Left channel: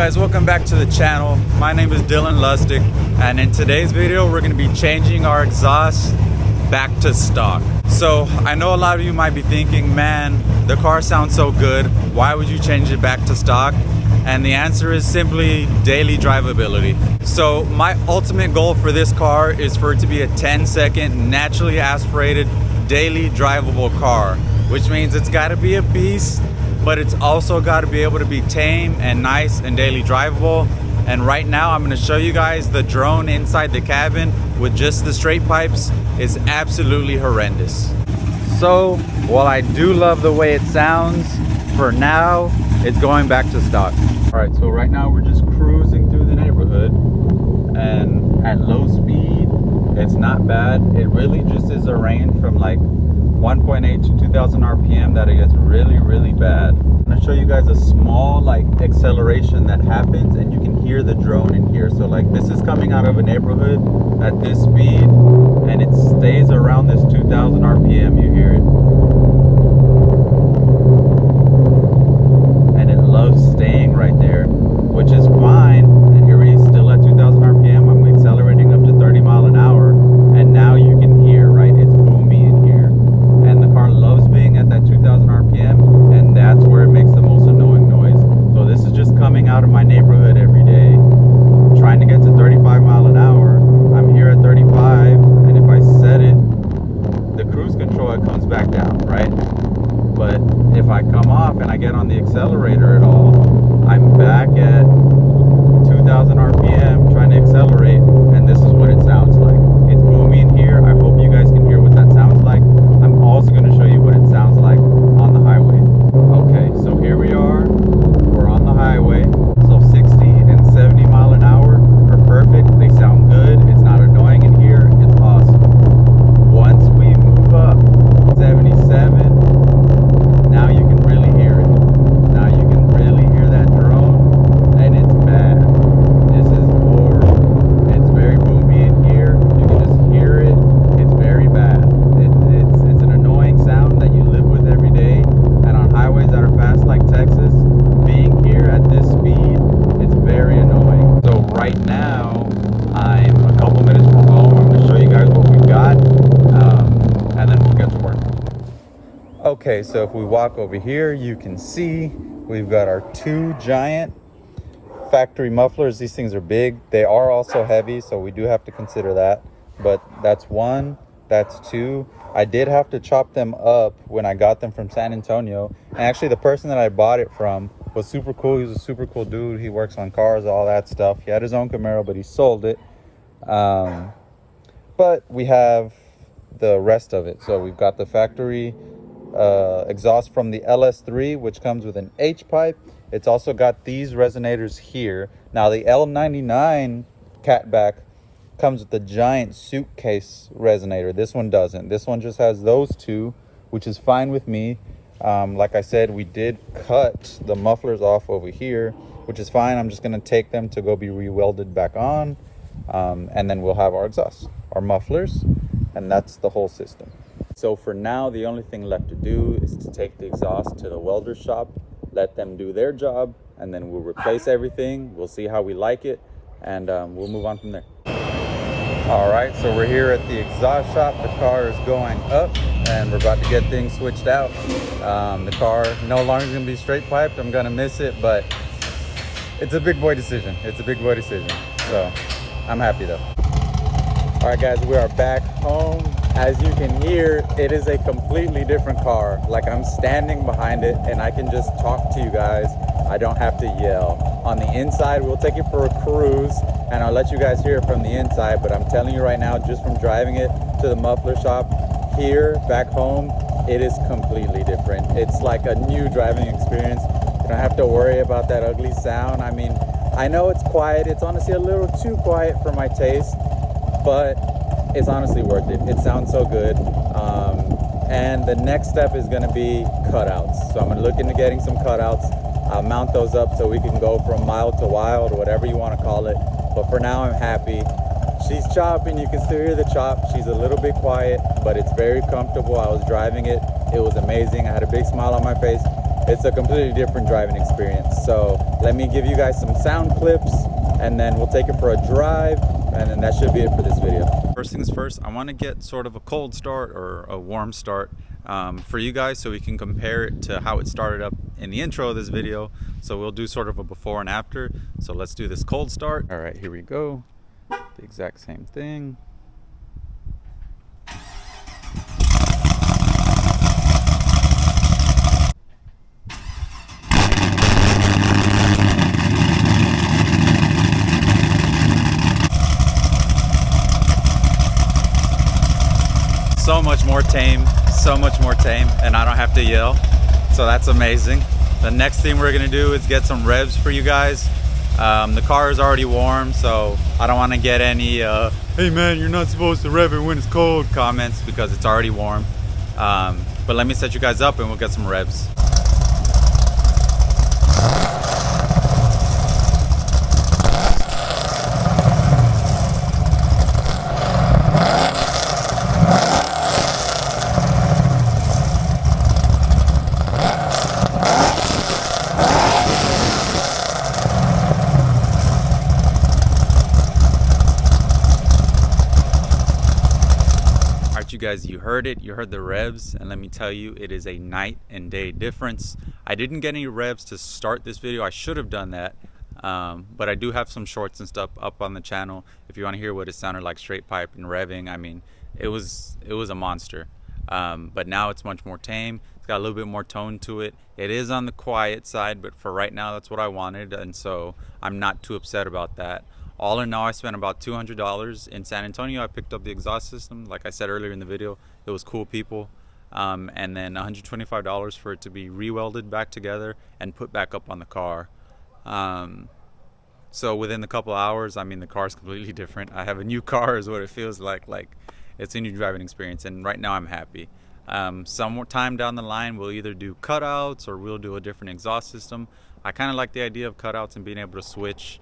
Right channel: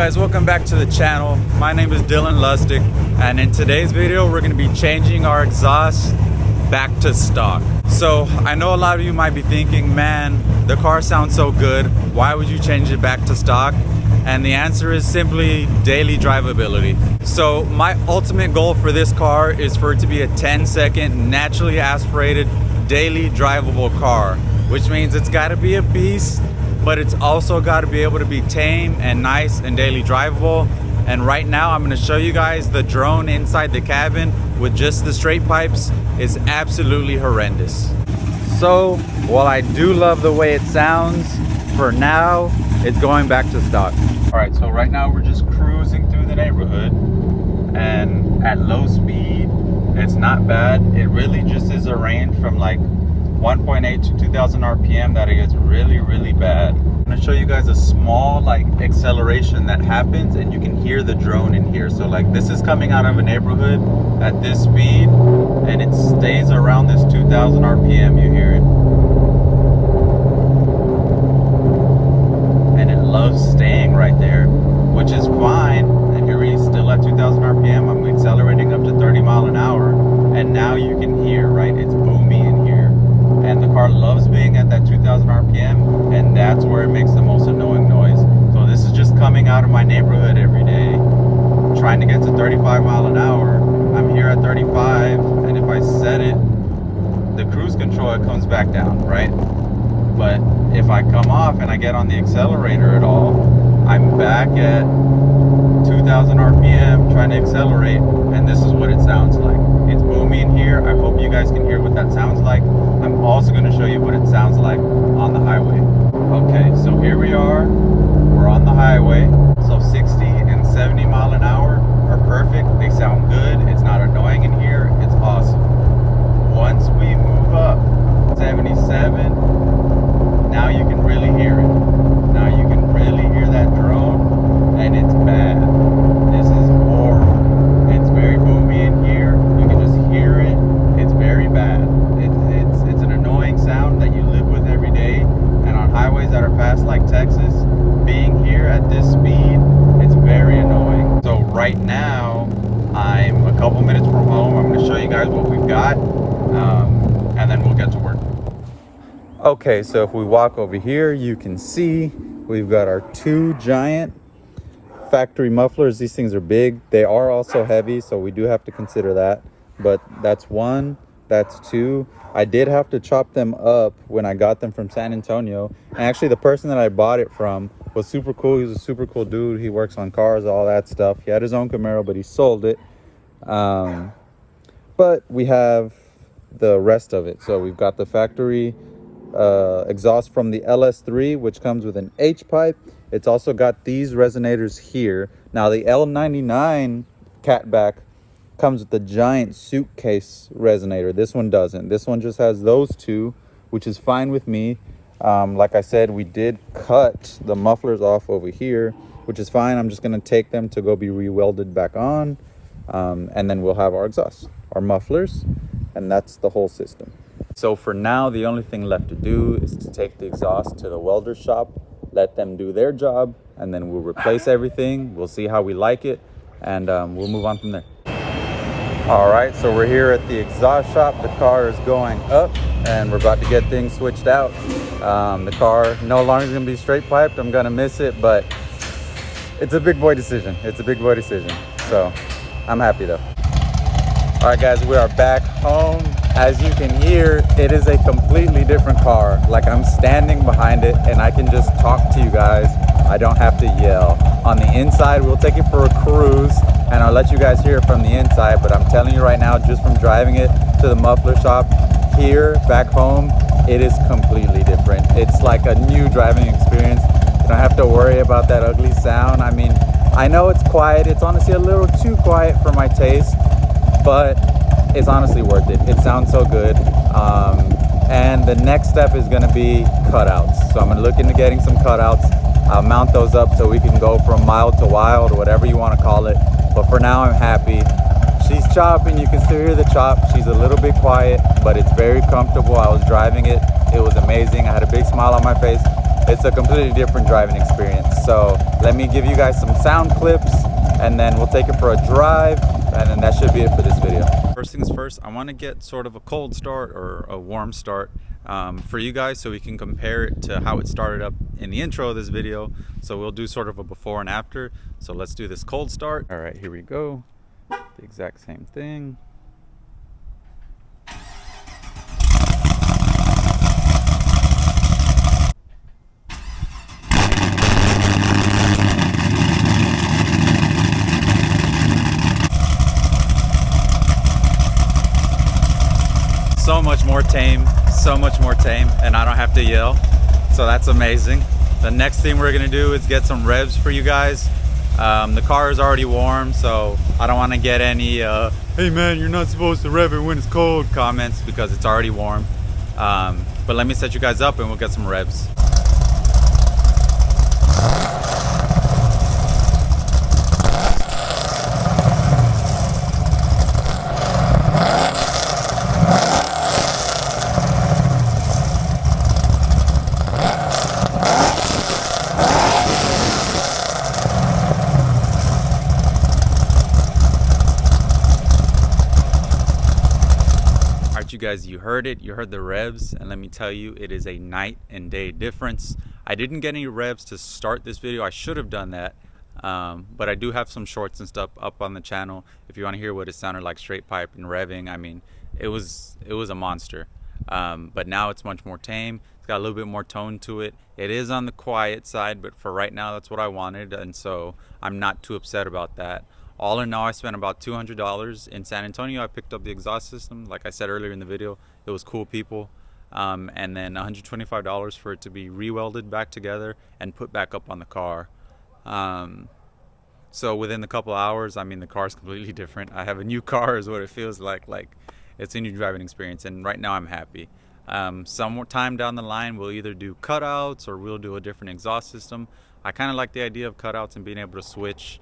guys, welcome back to the channel. My name is Dylan Lustig, and in today's video we're going to be changing our exhaust back to stock. So I know a lot of you might be thinking, man, the car sounds so good, why would you change it back to stock? And the answer is simply daily drivability. So my ultimate goal for this car is for it to be a 10-second naturally aspirated daily drivable car, which means it's got to be a beast, but it's also got to be able to be tame and nice and daily drivable. And right now I'm going to show you guys the drone inside the cabin with just the straight pipes is absolutely horrendous. So while I do love the way it sounds, for now it's going back to stock. All right, so right now we're just cruising through the neighborhood, and at low speed it's not bad. It really just is a range from like 1.8 to 2000 RPM that it gets really bad. I'm gonna show you guys a small like acceleration that happens, and you can hear the drone in here. So like this is coming out of a neighborhood at this speed, and it stays around this 2000 RPM. You hear it, and it loves staying right there, which is fine. And here he's still at 2000 RPM. I'm accelerating up to 30 mile an hour, and now you can hear, right, it's boomy in here. And the car loves being at that 2000 RPM, and that's where it makes the most annoying noise. So this is just coming out of my neighborhood every day, trying to get to 35 mile an hour. I'm here at 35, and if I set it, the cruise control, it comes back down, right? But if I come off and I get on the accelerator at all, I'm back at 2000 RPM trying to accelerate, and this is what it sounds like. It's boomy in here. I hope you guys can hear what that sounds like. I'm also going to show you what it sounds like on the highway. Okay, so here we are. We're on the highway. So 60 and 70 mile an hour are perfect. They sound good. It's not annoying in here. It's awesome. Once we move up 77, now you can really hear it. Now you can really hear that drone, and it's bad. This is horrible. It's very boomy in here. You can just hear it. It's very bad. It's an annoying sound that you live with every day. And on highways that are fast like Texas, being here at this speed, it's very annoying. So right now, I'm a couple minutes from home. I'm going to show you guys what we've got, and then we'll get to work. Okay, so if we walk over here, you can see we've got our two giant factory mufflers. These things are big. They are also heavy, so we do have to consider that. But that's one, that's two. I did have to chop them up when I got them from San Antonio. And actually the person that I bought it from was super cool. He's a super cool dude. He works on cars, all that stuff. He had his own Camaro, but he sold it. But we have the rest of it. So we've got the factory exhaust from the LS3, which comes with an H pipe. It's also got these resonators here. Now the L99 catback comes with the giant suitcase resonator. This one doesn't. This one just has those two, which is fine with me. Like I said, we did cut the mufflers off over here, which is fine. I'm just going to take them to go be re-welded back on, and then we'll have our exhaust, our mufflers, and that's the whole system. So for now, the only thing left to do is to take the exhaust to the welder shop, let them do their job, and then we'll replace everything. We'll see how we like it, and we'll move on from there. All right, so we're here at the exhaust shop. The car is going up, and we're about to get things switched out. The car no longer is going to be straight piped. I'm going to miss it, but it's a big boy decision. It's a big boy decision. So I'm happy though. All right, guys, we are back home. As you can hear, it is a completely different car. Like, I'm standing behind it and I can just talk to you guys. I don't have to yell. On the inside, we'll take it for a cruise and I'll let you guys hear it from the inside. But I'm telling you right now, just from driving it to the muffler shop here back home, it is completely different. It's like a new driving experience. You don't have to worry about that ugly sound. I mean, I know it's quiet. It's honestly a little too quiet for my taste, but it's honestly worth it. It sounds so good. And the next step is going to be cutouts. So I'm going to look into getting some cutouts. I'll mount those up so we can go from mild to wild, or whatever you want to call it. But for now, I'm happy. She's chopping. You can still hear the chop. She's a little bit quiet, but it's very comfortable. I was driving it. It was amazing. I had a big smile on my face. it's a completely different driving experience. So let me give you guys some sound clips, and then we'll take it for a drive, and then that should be it for this video. First things first, I want to get sort of a cold start or a warm start for you guys, so we can compare it to how it started up in the intro of this video. So we'll do sort of a before and after. So let's do this cold start. All right, here we go. The exact same thing. So much more tame, and I don't have to yell, so that's amazing. The next thing we're gonna do is get some revs for you guys. The car is already warm, so I don't want to get any hey man, you're not supposed to rev it when it's cold comments, because it's already warm. But let me set you guys up and we'll get some revs. You guys, you heard it, you heard the revs, and let me tell you, it is a night and day difference. I didn't get any revs to start this video. I should have done that, but I do have some shorts and stuff up on the channel if you want to hear what it sounded like straight pipe and revving. I mean, it was a monster, but now it's much more tame. It's got a little bit more tone to it. It is on the quiet side, but for right now that's what I wanted, and so I'm not too upset about that. All in all, I spent about $200 in San Antonio. I picked up the exhaust system. Like I said earlier in the video, it was cool people. And then $125 for it to be re-welded back together and put back up on the car. So within a couple hours, I mean, the car is completely different. I have a new car is what it feels like. Like, it's a new driving experience. And right now I'm happy. Some more time down the line, we'll either do cutouts or we'll do a different exhaust system. I kind of like the idea of cutouts and being able to switch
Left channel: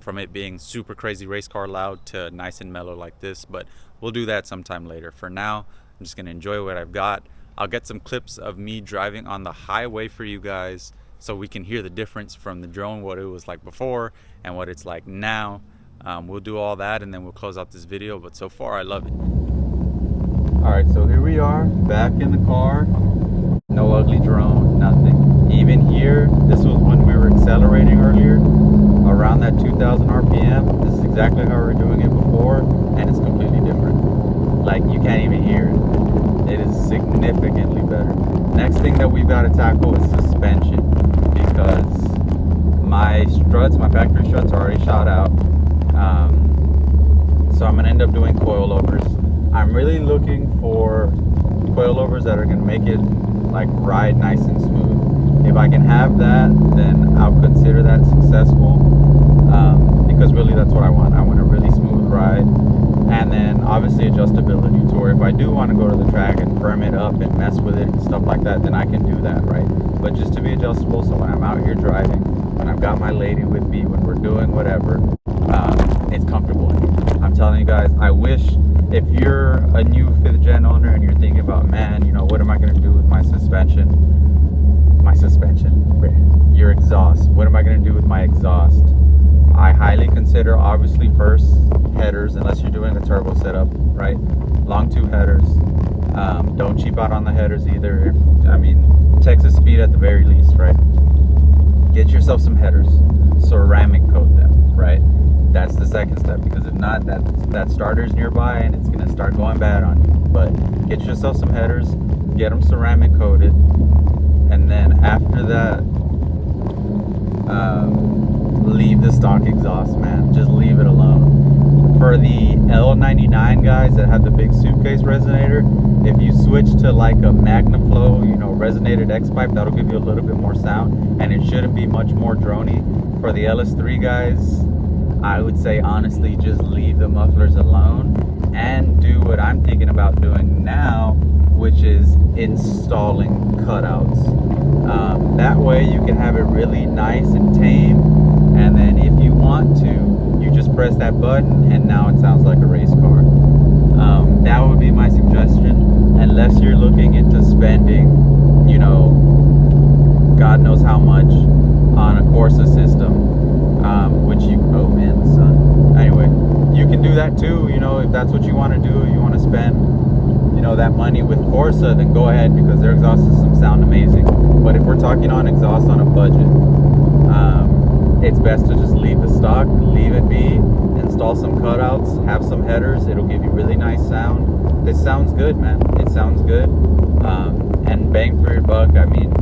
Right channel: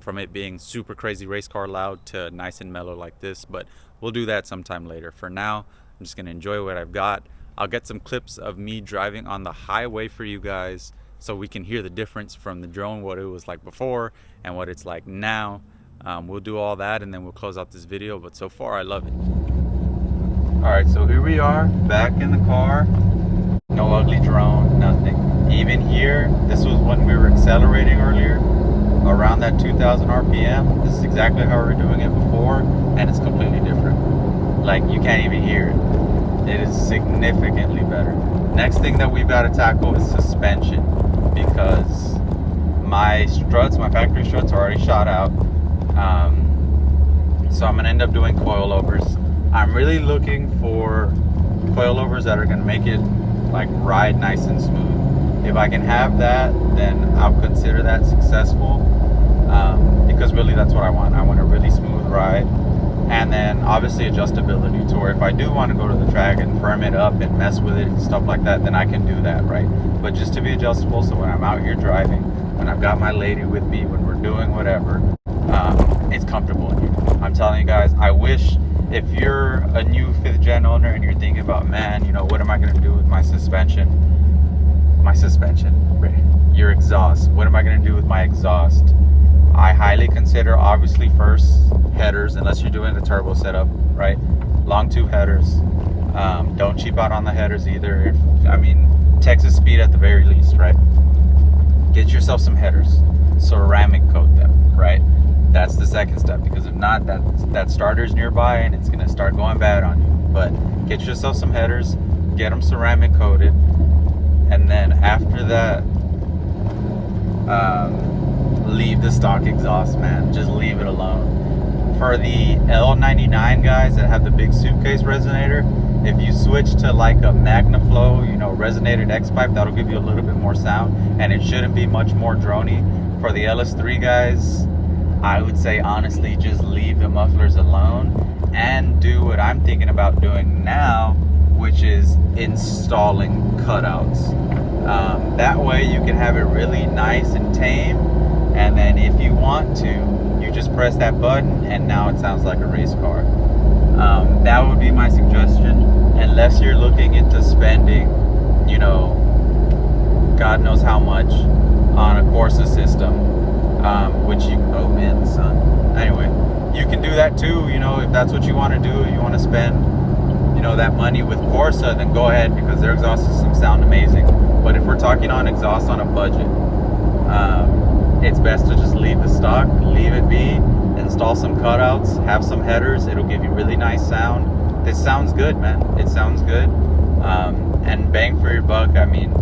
from it being super crazy race car loud to nice and mellow like this, but we'll do that sometime later. For now, I'm just gonna enjoy what I've got. I'll get some clips of me driving on the highway for you guys so we can hear the difference from the drone, what it was like before and what it's like now. We'll do all that and then we'll close out this video, but so far I love it. All right, so here we are back in the car. No ugly drone, nothing. Even here, this was when we were accelerating earlier, around that 2000 RPM. This is exactly how we were doing it before, and it's completely different. Like, you can't even hear it. It is significantly better. Next thing that we've got to tackle is suspension, because my struts, my factory struts, are already shot out. So I'm gonna end up doing coilovers. I'm really looking for coilovers that are gonna make it like ride nice and smooth. If I can have that, then I'll consider that successful, because really that's what I want. I want a really smooth ride, and then obviously adjustability to where if I do want to go to the track and firm it up and mess with it and stuff like that, then I can do that, right? But just to be adjustable, so when I'm out here driving, when I've got my lady with me, when we're doing whatever, it's comfortable in here. I'm telling you guys, I wish, if you're a new 5th gen owner and you're thinking about, man, you know, what am I going to do with my suspension, your exhaust, what am I going to do with my exhaust? I highly consider, obviously, first headers, unless you're doing a turbo setup, right? Long tube headers. Don't cheap out on the headers either. I mean, Texas speed at the very least, right? Get yourself some headers, ceramic coat them, right? That's the second step, because if not, that starter's nearby and it's gonna start going bad on you. But get yourself some headers, get them ceramic coated, and then after that, leave the stock exhaust, man. Just leave it alone. For the L99 guys that have the big suitcase resonator, if you switch to like a MagnaFlow, you know, resonated X pipe, that'll give you a little bit more sound, and it shouldn't be much more droney. For the LS3 guys, I would say honestly, just leave the mufflers alone and do what I'm thinking about doing now, which is installing cutouts. That way you can have it really nice and tame, and then if you want to, you just press that button and now it sounds like a race car. That would be my suggestion, unless you're looking into spending, you know, God knows how much on a Corsa system, which you, oh man, the sun. Anyway, you can do that too, you know, if that's what you want to do. You want to spend, you know, that money with Corsa, then go ahead, because their exhaust systems sound amazing. But if we're talking on exhaust on a budget, it's best to just leave the stock, leave it be, install some cutouts, have some headers. It'll give you really nice sound. This sounds good, man. It sounds good. And bang for your buck, I mean,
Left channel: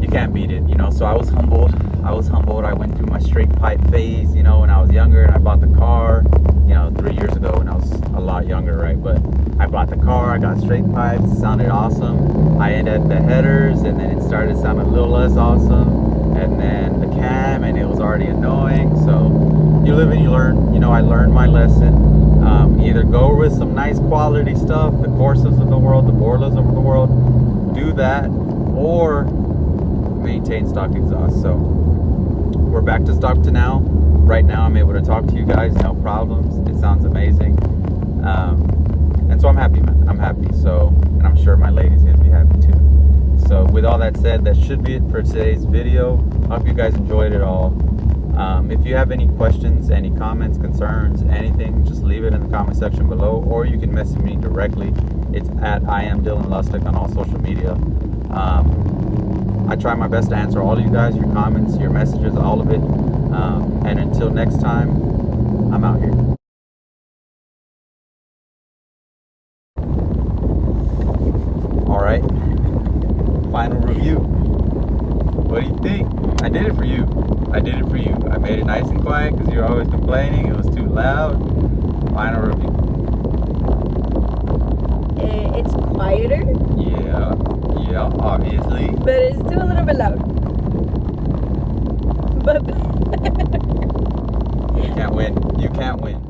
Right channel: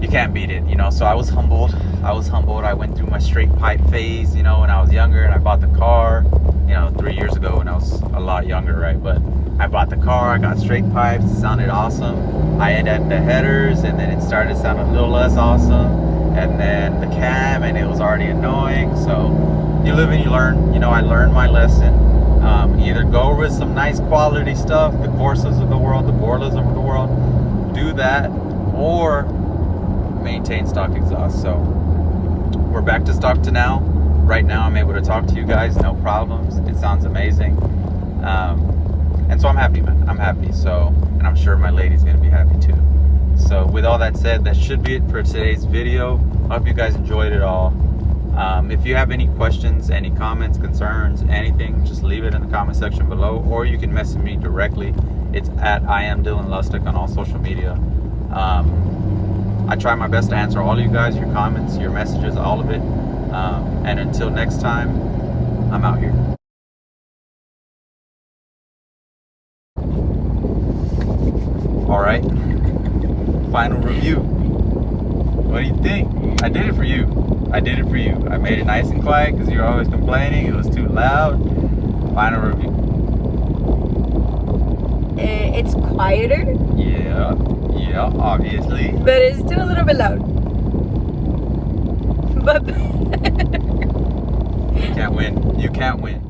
you can't beat it, you know. So I was humbled. I went through my straight pipe phase, you know, when I was younger, and I bought the car, you know, 3 years ago when I was a lot younger, right? But I bought the car, I got straight pipes, it sounded awesome. I added the headers, and then it started sounding a little less awesome. And then the cam, and it was already annoying. So you live and you learn. You know, I learned my lesson. Either go with some nice quality stuff, the Corsas of the world, the Borlas of the world, do that, or maintain stock exhaust. So we're back to stock to now. Right now I'm able to talk to you guys, no problems. It sounds amazing. And so I'm happy, man. I'm happy. So, and I'm sure my lady's gonna be happy too. So with all that said, that should be it for today's video. I hope you guys enjoyed it all. If you have any questions, any comments, concerns, anything, just leave it in the comment section below, or you can message me directly. It's at I am Dylan Lustig on all social media. I try my best to answer all of you guys, your comments, your messages, all of it. And until next time, I'm out here. All right, final review. What do you think? I did it for you. I did it for you. I made it nice and quiet because you're always complaining it was too loud. Final review. It's quieter. Yeah, obviously. But it's still a little bit loud. But You can't win. You can't win.